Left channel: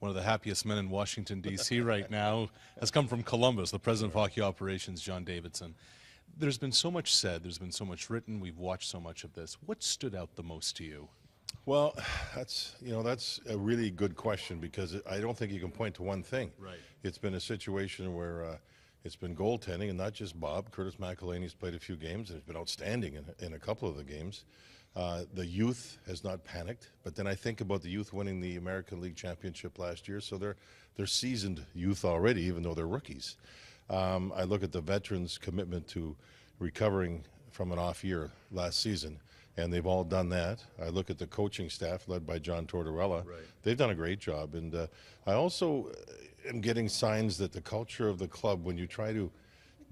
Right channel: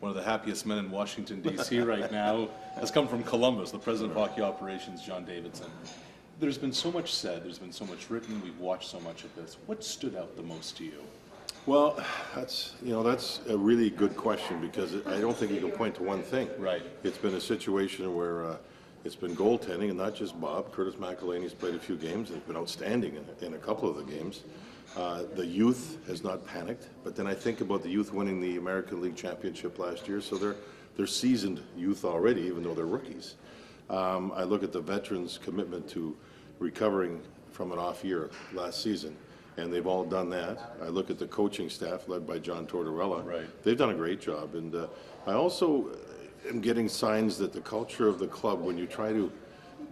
one of the happiest men in Washington, D.C. right now, has come from Columbus, the president of hockey operations, John Davidson. There's been so much said, there's been so much written, we've watched so much of this. What stood out the most to you? Well, that's a really good question, because I don't think you can point to one thing. Right. It's been a situation where it's been goaltending, and not just Bob. Curtis McElhaney's played a few games and has been outstanding in a couple of the games. The youth has not panicked, but then I think about the youth winning the American League Championship last year, so they're seasoned youth already, even though they're rookies. I look at the veterans' commitment to recovering from an off year last season, and they've all done that. I look at the coaching staff led by John Tortorella. Right. They've done a great job, and I also am getting signs that the culture of the club, when you try to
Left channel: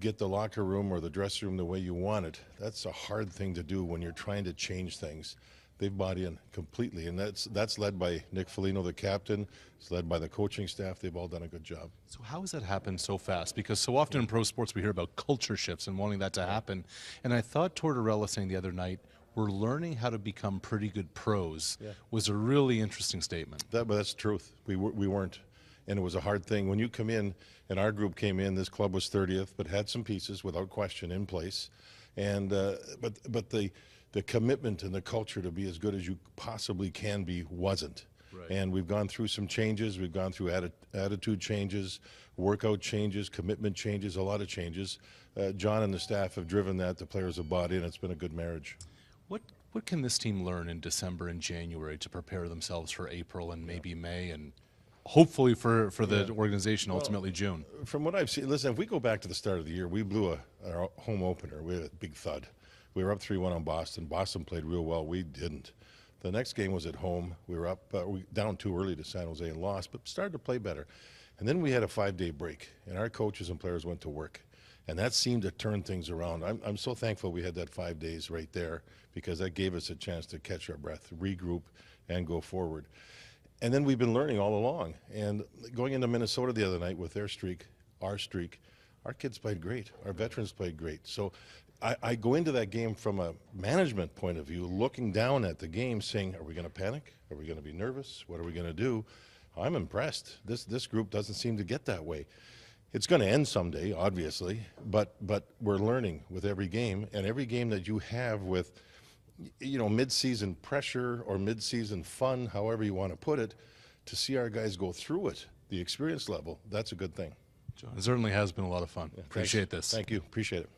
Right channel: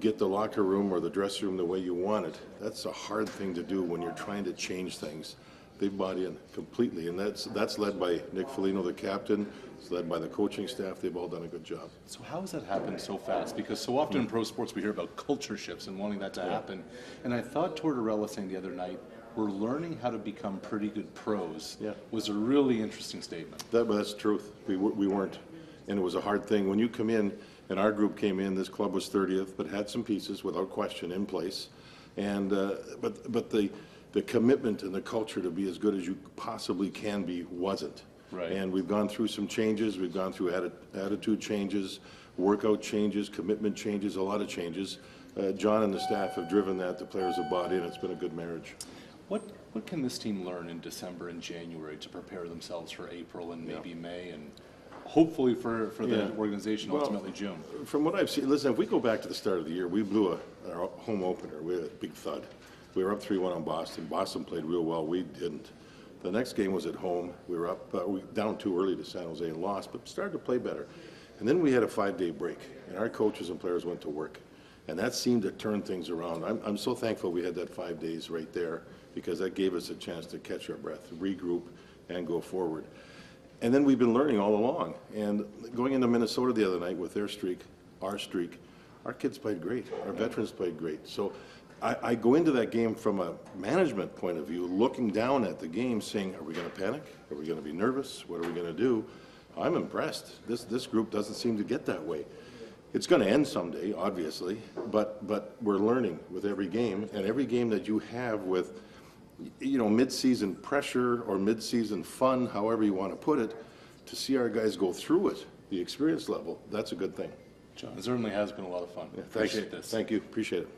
get the locker room or the dressing room the way you want it, that's a hard thing to do when you're trying to change things. They've bought in completely, and that's led by Nick Foligno, the captain. It's led by the coaching staff. They've all done a good job. So how has that happened so fast? Because so often in pro sports we hear about culture shifts and wanting that to happen. And I thought Tortorella saying the other night, we're learning how to become pretty good pros, was a really interesting statement. But that's the truth. We weren't, and it was a hard thing. When you come in, and our group came in, this club was 30th, but had some pieces without question in place. And but the commitment and the culture to be as good as you possibly can be wasn't. Right. And we've gone through some changes. We've gone through attitude changes, workout changes, commitment changes, a lot of changes. John and the staff have driven that. The players have bought in. It's been a good marriage. What can this team learn in December and January to prepare themselves for April and maybe May, and hopefully for the organization ultimately June? From what I've seen, listen, if we go back to the start of the year, we blew a home opener. We had a big thud. We were up 3-1 on Boston. Boston played real well. We didn't. The next game was at home. We were up, down too early to San Jose and lost, but started to play better. And then we had a 5-day break, and our coaches and players went to work. And that seemed to turn things around. I'm so thankful we had that 5 days right there, because that gave us a chance to catch our breath, regroup, and go forward. And then we've been learning all along. And going into Minnesota the other night with their streak, our kids played great. Our veterans played great. So I go into that game from a management point of view, looking down at the game, saying, are we going to panic? Are we going to be nervous? What are we going to do? I'm impressed. This group doesn't seem to get that way. It's going to end someday, obviously, but we're learning with every game. And every game that you have with, mid-season pressure or mid-season fun, however you want to put it, to see our guys go through it, the experience level, that's a good thing. John, it certainly has been a lot of fun. Yeah, Appreciate this. Thank you. Appreciate it.